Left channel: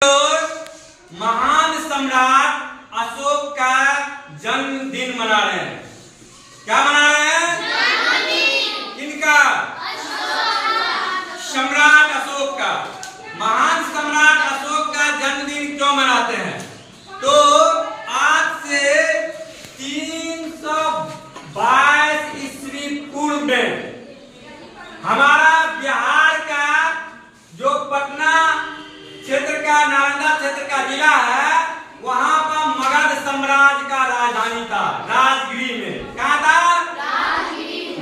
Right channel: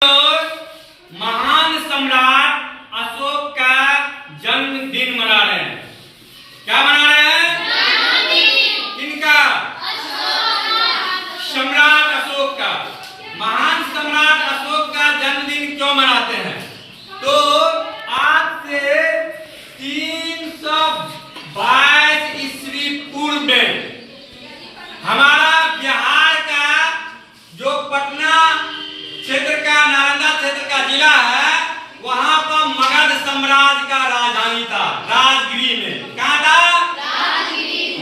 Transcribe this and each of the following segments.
महान सम्राट अशोक का जन्मदिन मना रहे हैं। क्या मना रहे हैं? किनका? सम्राट अशोक का। महान सम्राट अशोक का जन्मदिन क्यों मनाते हैं? तो आज से 322 ईस्वी पूर्व में हमारा बिहार का जो पटना क्षेत्र का नालंदा क्षेत्र का जिला है, वहां पर मगध साम्राज्य का राजधानी था। राजगिरी में कहा था?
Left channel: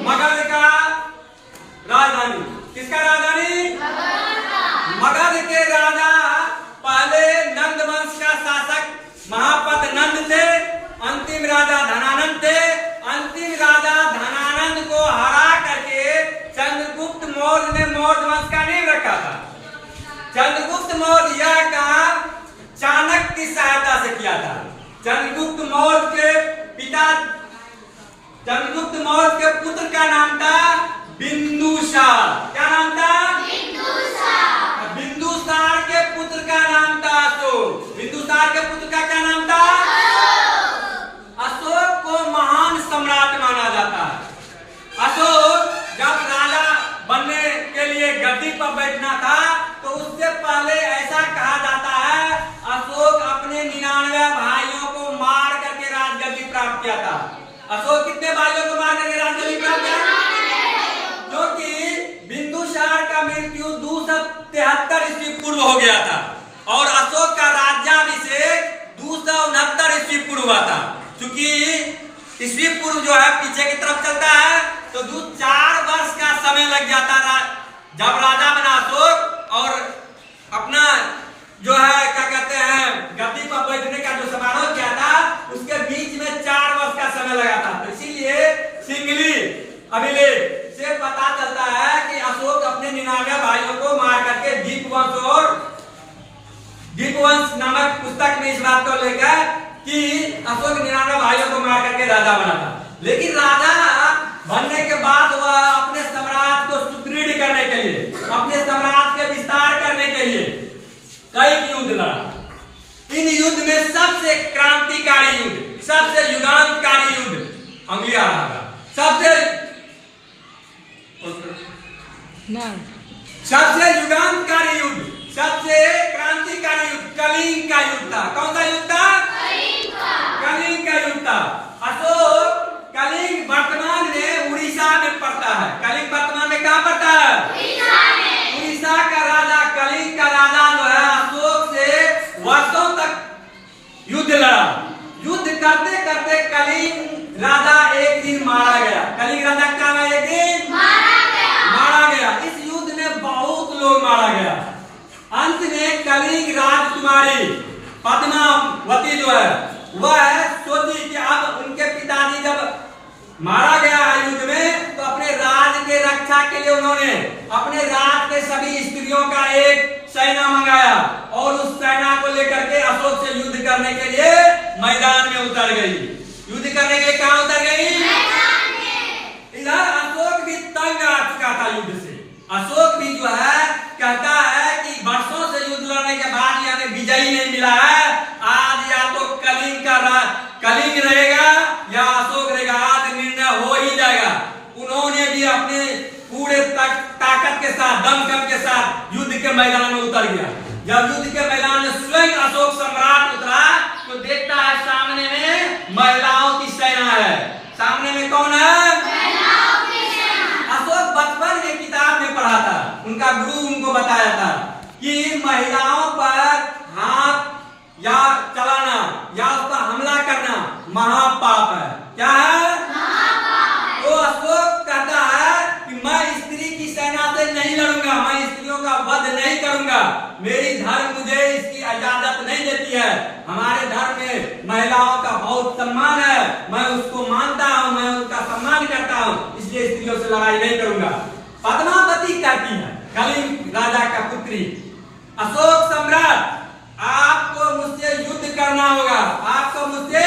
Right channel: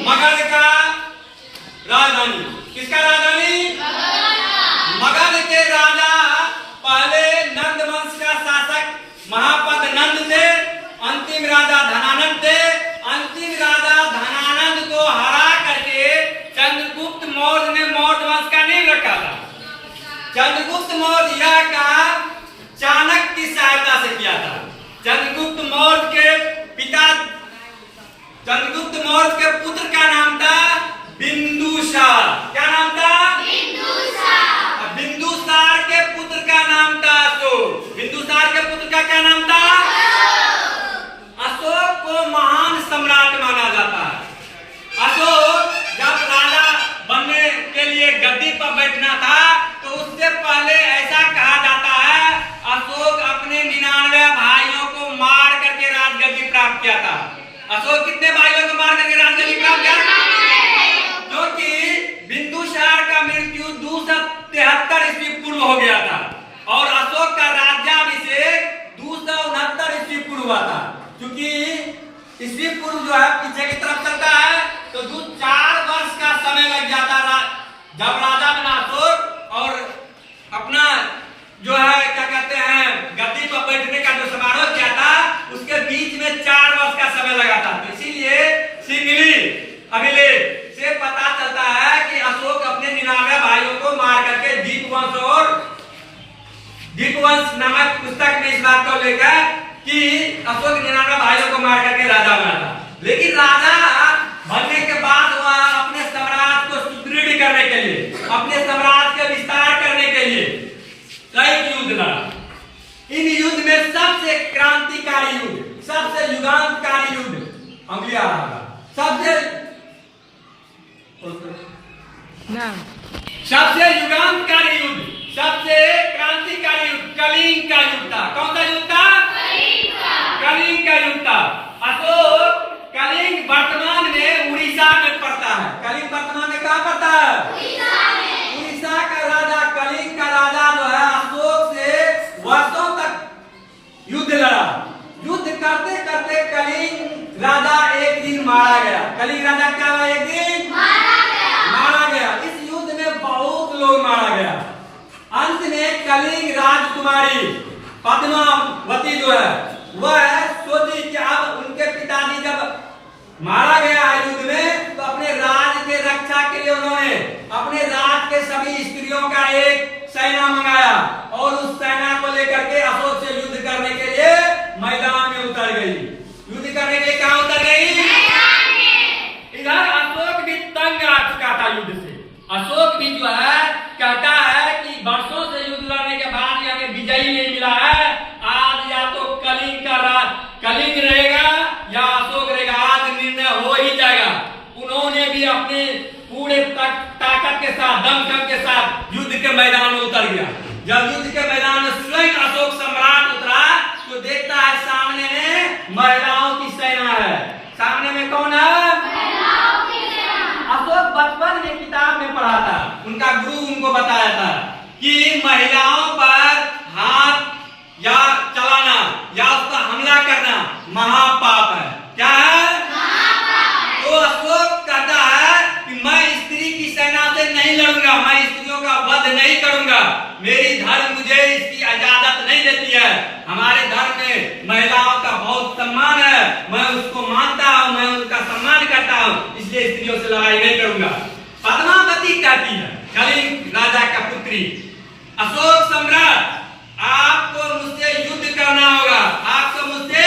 मगध का राजधानी। किसका राजधानी? मगध के राजा पहले नंद वंश का शासक महापद नंद थे। अंतिम राजा धनानंद थे। अंतिम राजा धनानंद को हरा करके चंद्रगुप्त मौर्य ने मौर्य वंश का नींव रखा था। चंद्रगुप्त मौर्य का चाणक्य की सहायता से किया था। चंद्रगुप्त मौर्य के पुत्र का नाम था बिंदुसार। क्या नाम था? बिंदुसार के पुत्र का नाम था अशोक। बिंदुसार के पुत्र का क्या नाम था? अशोक को महान सम्राट माना जाता है। अशोक जब राजा बनने के लिए गद्दी पर बैठना था तो उससे पहले ऐसा कहा जाता है अशोक अपने 99 भाइयों को मार करके राजगद्दी प्राप्त किया था। अशोक कितने भाइयों को मार करके राजगद्दी प्राप्त किया? क्योंकि बिंदुसार का मृत्यु 273 ईस्वी पूर्व हो गया था और अशोक का राज्याभिषेक 269 ईस्वी पूर्व हुआ था। क्योंकि ईस्वी पूर्व जो है पीछे की तरफ चलता है तो 4 वर्ष का समय लग जाता जब राजा बना अशोक और अपना जो है क्या कहते हैं गद्दी पर बैठने का जो समारोह किया था उसके बीच में 4 वर्ष का समय लगा था। तो इसीलिए सिंगली अभिलेख से पता चलता है कि अशोक अपने 99 भाइयों को मार करके दीपवंश नामक पुस्तक में इस बात को लेकर कि अशोक 99 भाइयों को मार करके राजा बना था। लेकिन राजा बनने के बाद वह अपने साम्राज्य को सुदृढ़ करने के लिए, अपने साम्राज्य के विस्तार करने के लिए कई युद्ध लड़ा। इन युद्ध में सबसे क्रांतिकारी युद्ध, सबसे युगांतकारी युद्ध अंगुली आ रहा था। सबसे युगांतकारी युद्ध, सबसे क्रांतिकारी युद्ध कलिंग का युद्ध था। कौन सा युद्ध था? कलिंग का युद्ध था। अशोक कलिंग वर्तमान में उड़ीसा में पड़ता है। कलिंग वर्तमान में कहाँ पड़ता है? उड़ीसा का राजा कलिंग का राजा जो है अशोक से वर्षों तक युद्ध लड़ा। युद्ध करते करते कलिंग राजा एक दिन मारा गया। कलिंग राजा क्या हुआ? एक दिन मारा गया। इस युद्ध में बहुत लोग मारा गया। अंत में कलिंग राजकुमारी पद्मावती जो है वह सोची कि अब उनके पिताजी जब मारा गया है युद्ध में तो अपने राज के रक्षा के लिए उन्होंने अपने राज के सभी स्त्रियों का एक सेना मंगाया और उस सेना को लेकर के अशोक से युद्ध करने के लिए मैदान में उतर गई। युद्ध करने के लिए कहां उतर गई? इधर अशोक भी तंग आ चुका था युद्ध से। अशोक भी जो है कहता है कि वर्षों से युद्ध लड़ने के बाद हमें विजयी नहीं मिला है। आज या तो कलिंग रहेगा या अशोक रहेगा। आज निर्णय हो ही जाएगा। उन्होंने भी अपने पूरे ताकत के साथ, दमखम के साथ युद्ध के मैदान में उतर गया। जब युद्ध के मैदान में स्वयं अशोक सम्राट उतरा तो देखता है सामने में महिलाओं की सेना है। सामने में कौन है? अशोक बचपन में किताब में पढ़ा था, उनका गुरु उनको बताया था कि महिलाओं पर हाथ या चलाना या उस पर हमला करना महापाप है। क्या है? तो अशोक कहता है कि मैं स्त्री की सेना से नहीं लड़ूंगा, मैं स्त्रियों का वध नहीं करूंगा। मेरी धर्म मुझे इसकी इजाजत नहीं देती है। हमारे धर्म में महिलाओं का बहुत सम्मान है, मैं उसको मानता हूँ, मैं उनका सम्मान करता हूँ, इसलिए स्त्रियों से लड़ाई नहीं करूंगा। पद्मावती कहती है, कलिंग राजा का पुत्री, अशोक सम्राट आपको मुझसे युद्ध करना होगा। आपको मुझसे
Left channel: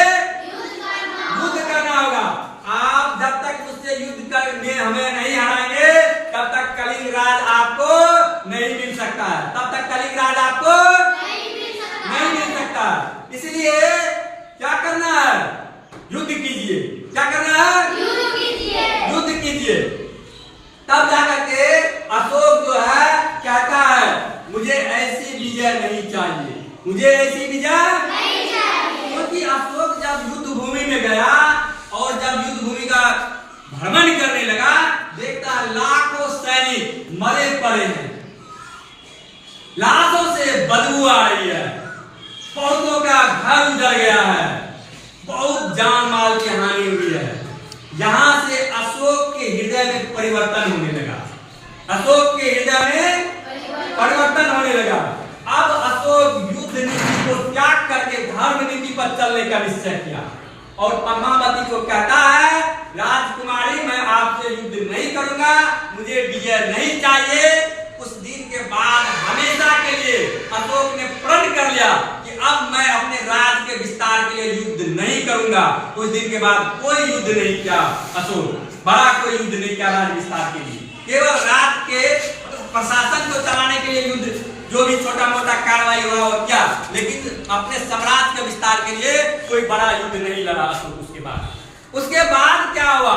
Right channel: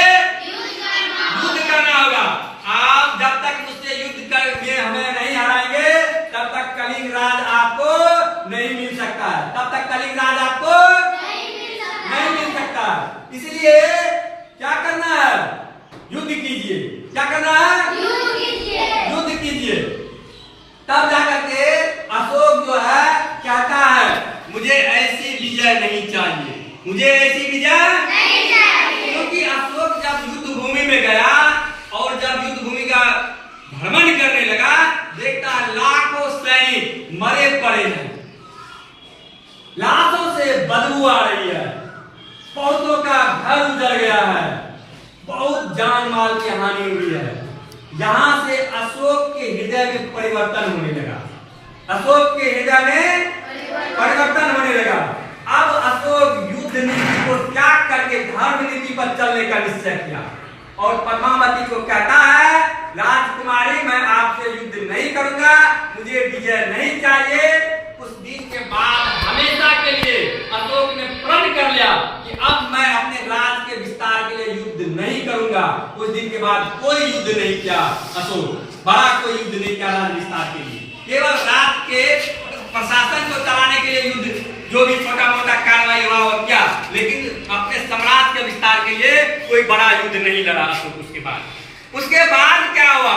युद्ध करना होगा। आप जब तक मुझसे युद्ध करके हमें नहीं हराएंगे तब तक कलिंग राज आपको नहीं मिल सकता है। तब तक कलिंग राज आपको नहीं मिल विजय नहीं चाहिए, मुझे ऐसी विजय नहीं चाहिए। क्योंकि अशोक जब युद्ध भूमि में गया और जब युद्ध भूमि का भ्रमण करने लगा, देखता है लाखों सैनिक मरे पड़े हैं, लाशों से बदबू आ रही है, बहुतों का घर उजड़ गया है, बहुत जान माल की हानि हुई है। यहां से अशोक के हृदय में परिवर्तन होने लगा, अशोक के हृदय में परिवर्तन होने लगा। अब अशोक युद्ध नीति को त्याग करके धर्म नीति पर चलने का निश्चय किया और पद्मावती को कहता है, राजकुमारी मैं आपसे युद्ध नहीं करूंगा, मुझे विजय नहीं चाहिए। उस दिन के बाद हमेशा के लिए अशोक ने प्रण कर लिया कि अब मैं अपने राज के विस्तार के लिए युद्ध नहीं करूंगा। उस दिन के बाद कोई युद्ध नहीं किया अशोक, बड़ा कोई युद्ध नहीं किया राज विस्तार के लिए, केवल राज के प्रशासन को चलाने के लिए युद्ध जो भी छोटा मोटा कार्रवाई हुआ और क्या, लेकिन अपने साम्राज्य के विस्तार के लिए कोई बड़ा युद्ध नहीं लड़ा अशोक। उसके बाद क्या हुआ,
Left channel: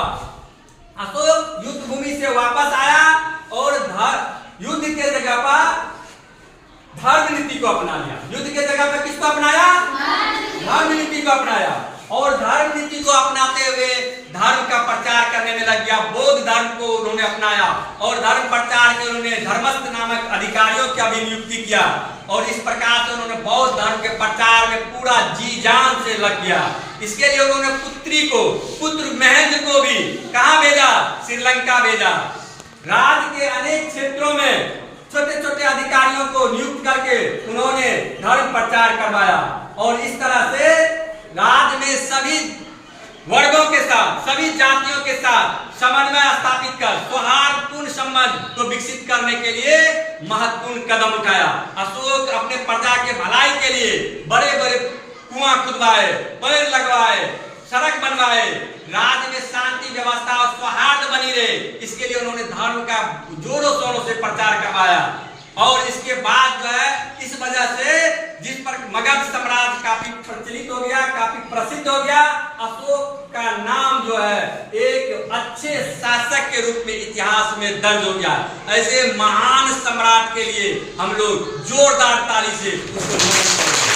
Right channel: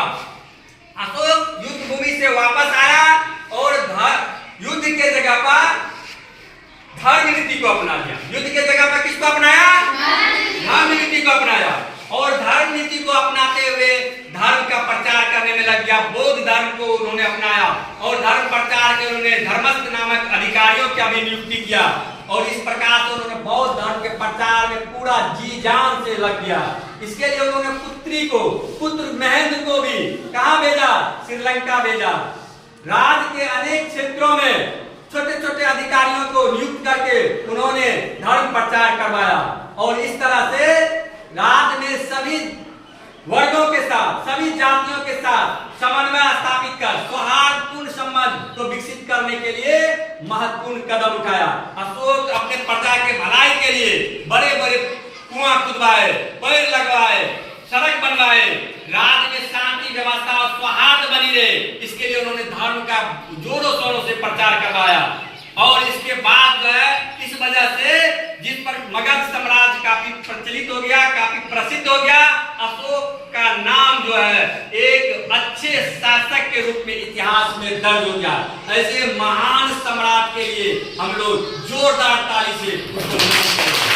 अशोक युद्ध भूमि से वापस आया और युद्ध के जगह पर धर्म नीति को अपना लिया। युद्ध के जगह पर किसको अपनाया? धर्म नीति को अपनाया और धर्म नीति को अपनाते हुए धर्म का प्रचार करने में लग गया। बौद्ध धर्म को उन्होंने अपनाया और धर्म प्रचार के उन्होंने धर्मस्थ नामक अधिकारियों की भी नियुक्ति किया और इस प्रकार से उन्होंने बौद्ध धर्म के प्रचार में पूरा जी जान से लग गया। इसके लिए उन्होंने पुत्र महेंद्र को भी कहां भेजा? श्रीलंका भेजा। राज्य के अनेक क्षेत्रों में छोटे छोटे अधिकारियों को नियुक्त करके उन्होंने धर्म प्रचार करवाया और इस तरह से राज्य में सभी वर्गों के साथ, सभी जातियों के साथ समन्वय स्थापित कर सौहार्दपूर्ण संबंध को विकसित करने के लिए महत्वपूर्ण कदम उठाया। अशोक अपने प्रजा के भलाई के लिए बड़े बड़े कुआं खुदवाए, पेड़ लगवाए, सड़क बनवाए, राज्य में शांति व्यवस्था और सौहार्द बनी रहे, इसके लिए उन्होंने धर्म का जोरों शोरों से प्रचार करवाया। और इसके बाद जो है इस वजह से जिस पर मगध साम्राज्य काफी प्रचलित हो गया, काफी प्रसिद्ध हो गया, अशोक का नाम जो है एक अच्छे शासक के रूप में इतिहास में दर्ज हो गया। ऐसे महान सम्राट के लिए हम लोग जोरदार ताली से उसको नमन करें।